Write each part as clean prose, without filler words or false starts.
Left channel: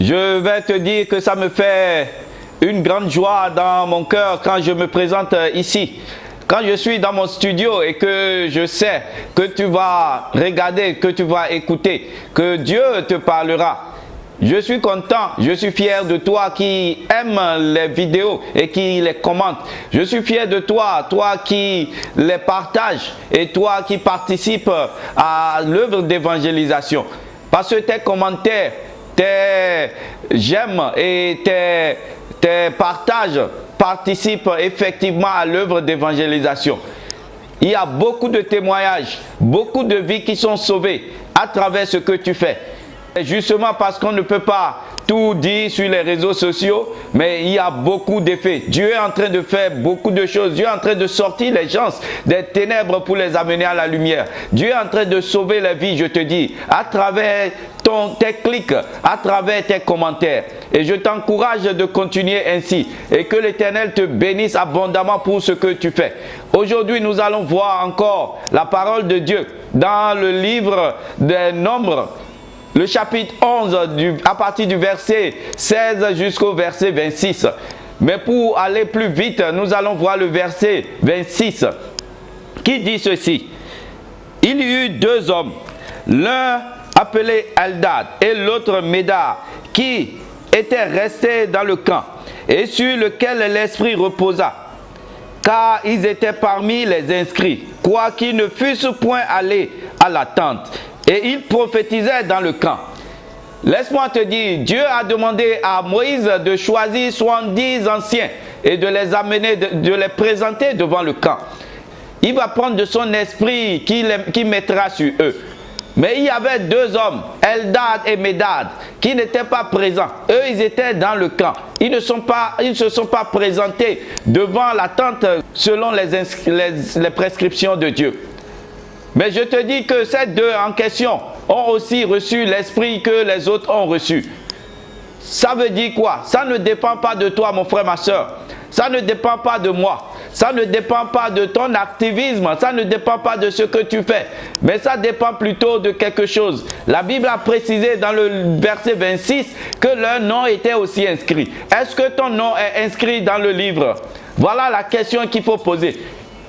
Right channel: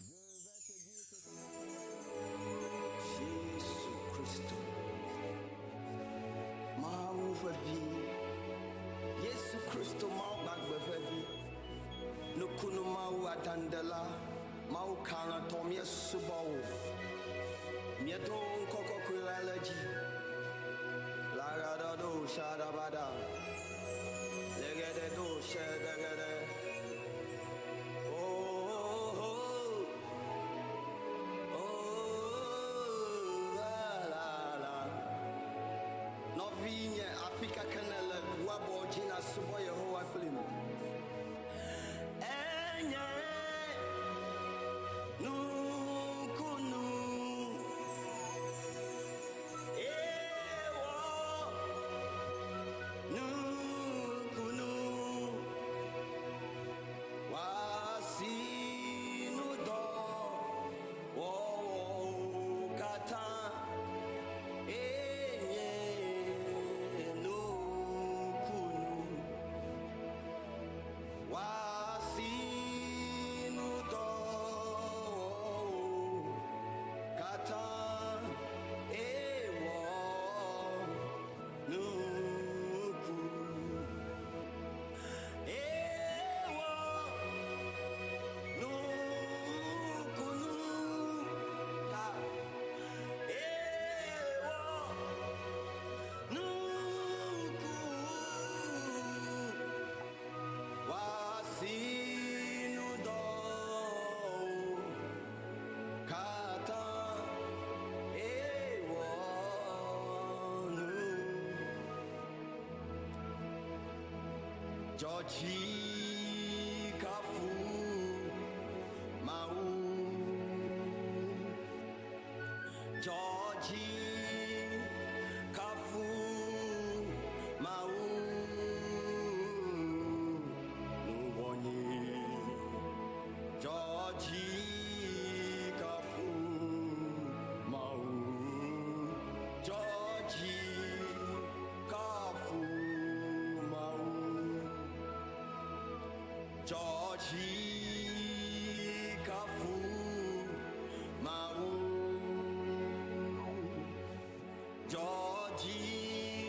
Je vais te dire que ça me fait une grande joie dans mon cœur quand je me présente ici. Quand je suis dans mon studio et que je sais que tu vas regarder, que tu vas écouter, que Dieu te parlera. Je suis content, je suis fier de toi qui aime les vidéos et qui les commente. Je suis fier de toi, toi qui les partages et toi qui participes à l'œuvre d'évangélisation. Parce que tes commentaires, tes j'aime et tes partages participent effectivement à l'œuvre d'évangélisation. Il y a beaucoup de témoignages, beaucoup de vies qui sont sauvées à travers ce que tu fais. Et justement parce qu'on ne peut pas tout dire sur les réseaux sociaux, mais il y a beaucoup d'effets. Dieu est en train de faire beaucoup de choses. Dieu est en train de sortir les gens des ténèbres pour les amener à la lumière. Dieu est en train de sauver les vies, je te dis, à travers tes clics, à travers tes commentaires. Et je t'encourage de continuer ainsi. Et que l'Éternel te bénisse abondamment pour ce que tu fais. Aujourd'hui, nous allons voir encore la parole de Dieu dans le livre des Nombres. Le chapitre 11, à partir du verset 16 jusqu'au verset 26. Mais pour aller plus vite, nous allons voir le verset 26 qui dit ceci. Il y eut deux hommes, l'un appelé Eldad et l'autre Médard, qui étaient restés dans le camp et sur lequel l'esprit reposa, car ils étaient parmi les inscrits, quoiqu'ils ne fussent point allés à la tente. Et il prophétisait dans le camp. Laisse-moi te dire, Dieu a demandé à Moïse de choisir 70 anciens et de les amener, de les présenter devant le camp. Il va prendre de son esprit qui mettra sur eux. Mais il y avait deux hommes, Eldad et Médard, qui n'étaient pas présents. Eux, ils étaient dans le camp. Ils ne se sont pas présentés devant la tente selon les prescriptions de Dieu. Mais je te dis que ces deux en question ont aussi reçu l'esprit que les autres ont reçu. Ça veut dire quoi? Ça ne dépend pas de toi, mon frère, ma soeur. Ça ne dépend pas de moi. Ça ne dépend pas de ton activisme. Ça ne dépend pas de ce que tu fais. Mais ça dépend plutôt de quelque chose. La Bible a précisé dans le verset 26 que leur nom était aussi inscrit. Est-ce que ton nom est inscrit dans le livre? Voilà la question qu'il faut poser.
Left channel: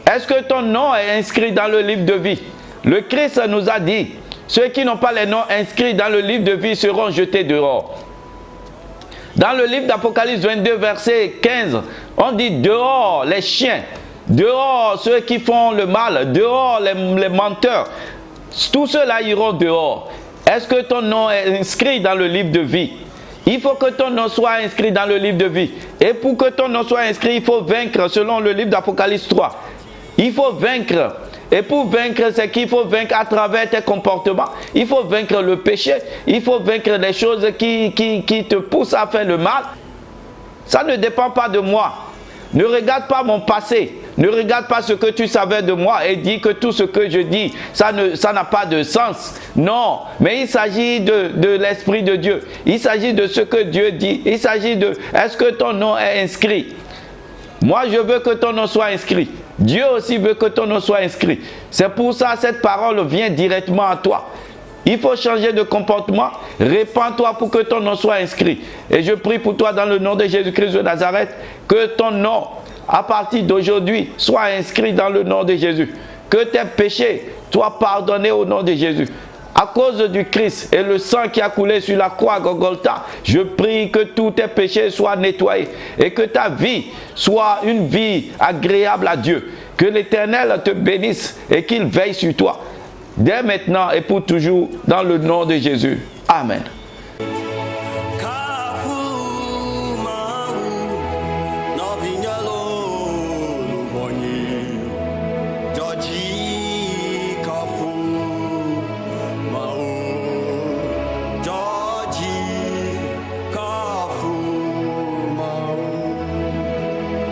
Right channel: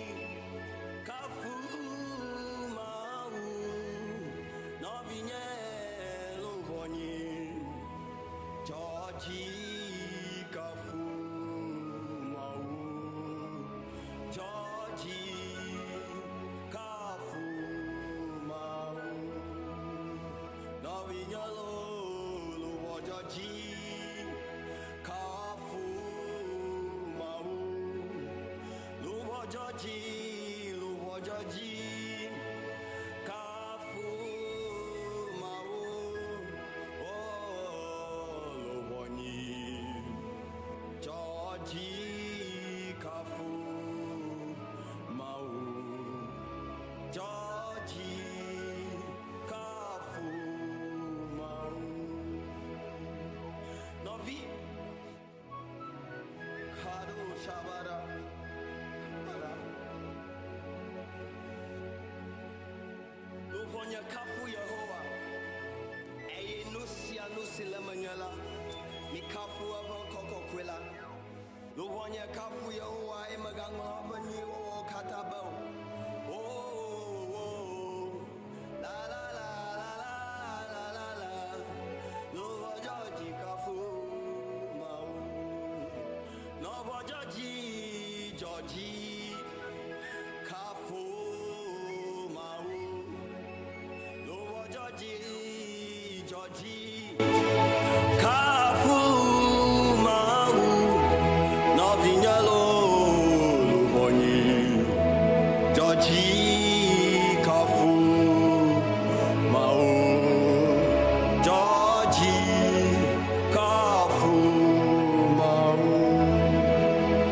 Est-ce que ton nom est inscrit dans le livre de vie? Le Christ nous a dit, ceux qui n'ont pas les noms inscrits dans le livre de vie seront jetés dehors. Dans le livre d'Apocalypse 22, verset 15, on dit dehors les chiens, dehors ceux qui font le mal, dehors les menteurs. Tous ceux-là iront dehors. Est-ce que ton nom est inscrit dans le livre de vie? Il faut que ton nom soit inscrit dans le livre de vie. Et pour que ton nom soit inscrit, il faut vaincre selon le livre d'Apocalypse 3. Il faut vaincre. Et pour vaincre, c'est qu'il faut vaincre à travers tes comportements. Il faut vaincre le péché. Il faut vaincre les choses qui te poussent à faire le mal. Ça ne dépend pas de moi. Ne regarde pas mon passé. Ne regarde pas ce que tu savais de moi et dis que tout ce que je dis, ça n'a pas de sens. Non, mais il s'agit de l'Esprit de Dieu. Il s'agit de ce que Dieu dit. Il s'agit de, est-ce que ton nom est inscrit? Moi, je veux que ton nom soit inscrit. Dieu aussi veut que ton nom soit inscrit. C'est pour ça que cette parole vient directement à toi. Il faut changer de comportement. Répands-toi pour que ton nom soit inscrit. Et je prie pour toi dans le nom de Jésus-Christ de Nazareth, que ton nom, à partir d'aujourd'hui, soit inscrit dans le nom de Jésus. Que tes péchés soient pardonnés au nom de Jésus. À cause du Christ et le sang qui a coulé sur la croix Golgotha, je prie que tous tes péchés soient nettoyés et que ta vie soit une vie agréable à Dieu. Que l'Éternel te bénisse et qu'il veille sur toi, dès maintenant et pour toujours, dans le nom de Jésus. Amen. Georgie